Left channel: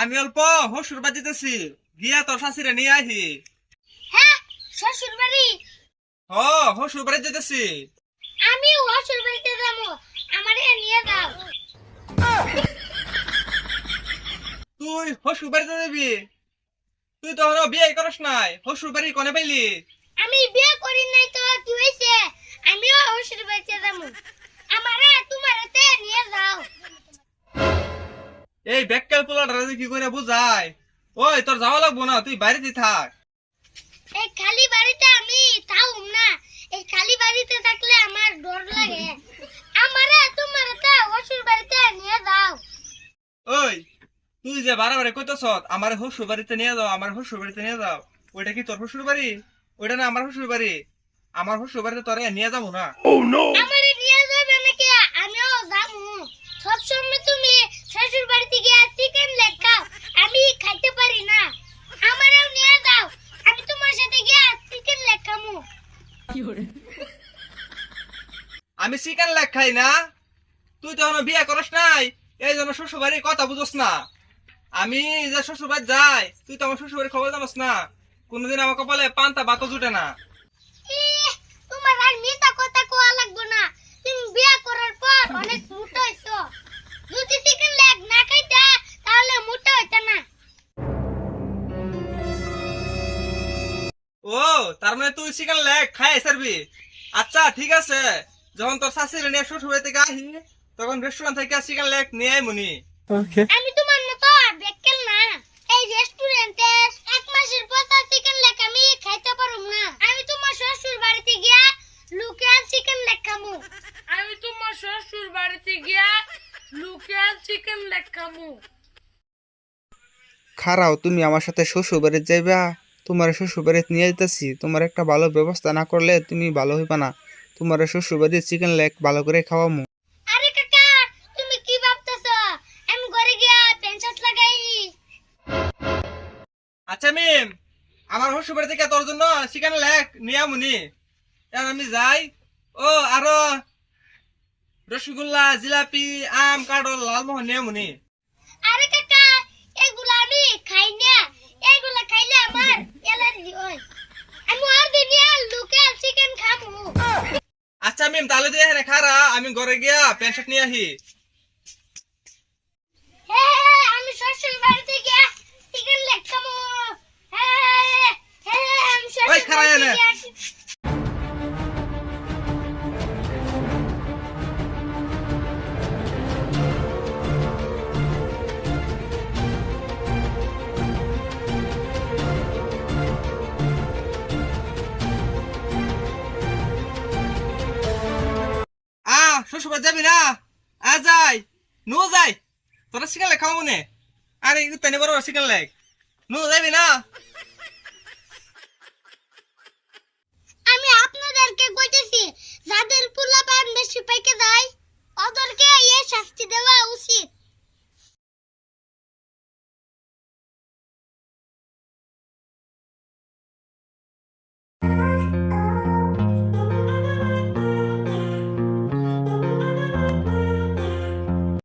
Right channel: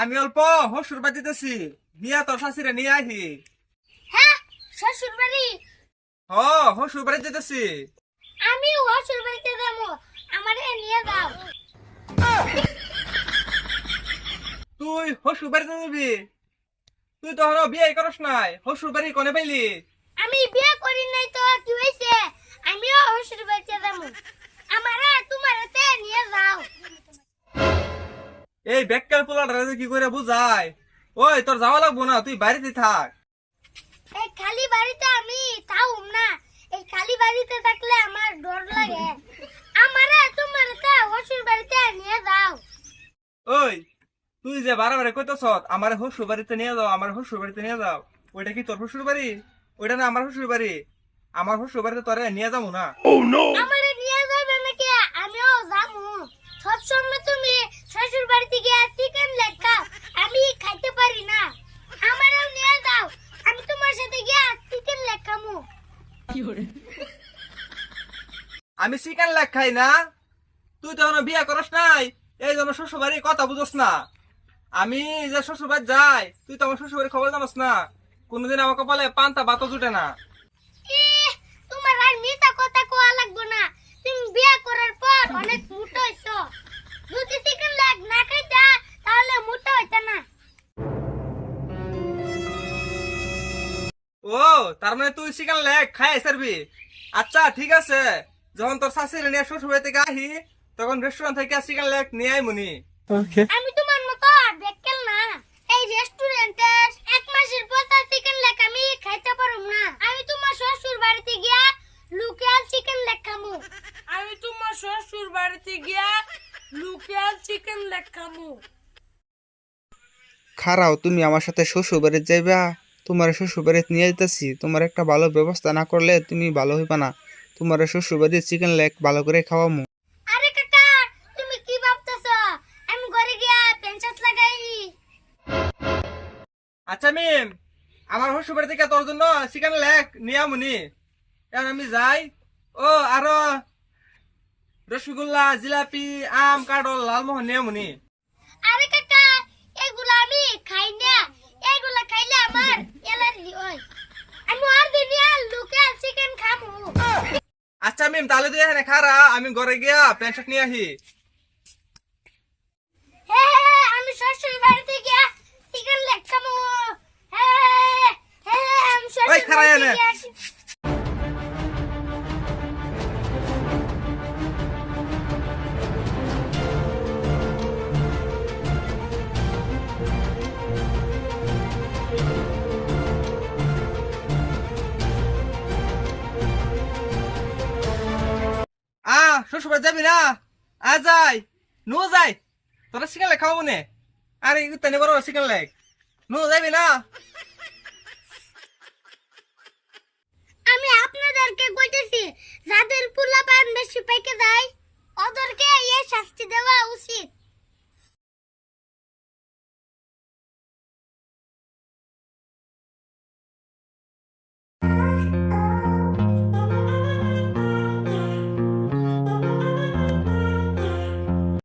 আমি অল্প হসুর বাজিতেছি, গিয়া তোর শাশুড়ি নিয়ে আহি। হ্যাঁ, শ্বশুর বাড়ি। হসুর বাড়ি যেতেছি। আমি শ্বশুর বাড়িতে যাবো, আমারে নিয়ে যাও। তুই হসুর বাড়িতে যাবি? তুই তো এখনো বিয়ে করস নাই, হসুর বাড়ি কোনে পাইলি? আমি বিয়ে করি নাই তো কি হইছে? আমিও শ্বশুর বাড়িতে যাবো, আমারে তোমারতে নিয়ে যাও। এই বেকার পোলাটা কি করে বুঝাই? ওই তোর যাওয়া লাগবো না, তুই বাড়িতে থাক। এই খালি বাড়িতে আমি থাকুম না, এই খালি বাড়িতে থাকলে আমার ডর লাগে। আমারে তোমারতে শ্বশুর বাড়িতে নিয়ে যাও। ওই তুই যে বারে কইতেছ আমার হসুর বাড়িতে নিয়ে যাও, আমার হসুর বাড়িতে নিয়ে যাও, ওইটা কি তোর হসুর বাড়ি? ওইটা না আমার হসুর বাড়ি। আমার হসুর বাড়িতে তোরে নিয়ে যাবো না। আমারে নিয়ে যাবে নাকি? আমিও যাবো। সব সময় তুমি শ্বশুর বাড়িতে গিয়ে চিকেন লেগ খাও, আমি খাইতে পারি না। আমারেও নিয়ে যাও, আমি তোমার সাথে গিয়ে চিকেন লেগ খামু। আমি চিকেন লেগ খাই না? তুই তো এখনো বিয়ে করস নাই, এই জন্য শ্বশুর বাড়ির কথা বুঝোস না। আমি যে শ্বশুর বাড়ি যাই, তুই তো আমার শ্বশুর বাড়ির খবর জানোস না। কোনোদিন আমার কপালে পান্তা ভাতও জুটে না। ইহ, তোমার আর মিথ্যা কথা কোয়া লাগবে না। তুমি বিয়ে করার পর অনেক মোটা হইছো। যদি চিকেন লেগ না খাইতা তাহলে মোটা হইতা না। ও, তার মানে তুই চিকেন লেগ খাই সারবি? আচ্ছা ঠিক আছে, যখন তোর শাশুড়ি নিয়ে শ্বশুর বাড়ি থেকে আহি, তখন রেস্টুরেন্ট থেকে চিকেন লেগ নিয়ে আই মুনি। আমি তোমার মতো বেক্কেল না। এই রেস্টুরেন্টে এক মাসের পচা চিকেন লেগ আমি খাইতে পারুম না। আমি তোমার শ্বশুর বাড়িতে গিয়া লোকাল চিকেন লেগ খামু। আমি তোমার শ্বশুর বাড়িতে গিয়া লোকাল চিকেন লেগ খামু। খারাও, তুমি আমার সাথে শ্বশুর বাড়ি যাইবা? তোমার শ্বশুর বাড়িতে নিয়ে যেতেছি। তোমার একটা ভালো ব্যবস্থা না করলে তুমি ভালো হইবা না। তোমার শ্বশুর বাড়ির চিকেন লেগ ভালো করে খাওয়ামু। আরে কাকা, তুমি কি ভাবতেছো? আমি ঘরে গিয়া পেনশন লাগাই। আচ্ছা মিম, আমার শ্বশুর বাড়ি থেকে তোর জন্য চিকেন লেগ নিয়ে মুনি। এখন আমি যাই। ও, আরো রসগোল্লা, জিলাপি, আম, কাঠল, লালমোহন নিয়ে মুনি। আরে কাকা, এগুলা আমি খাই না। এগুলা খাইলে আমার অ্যালার্জি হয়। আমি আর দিনে লোকাল চিকেন খামু। আচ্ছা মিম, তাহলে তুই এখানে খারা, আমি ঘরে গিয়া প্যান্ট শার্ট নিয়ে আহি। হ্যাঁ, আমি শ্বশুর বাড়িতে গিয়া চিকেন লেগ খামু। হ্যাঁ, আমি ওই শ্বশুর খারা বাড়িতে এনে। গিয়া শ্বশুর বাড়ি যাবি না? যাই, নু যাই, তোরা চিকেন লেগ খাওয়া মনে। আরে উত্তানি বড় চিকেন লেগ, নু যাবি না? আমি আপনাদেরকে কইতেছি, যাদের পোলাপান বেশি পাইকে যায় ওদেরকে এই শাস্তি দেওয়া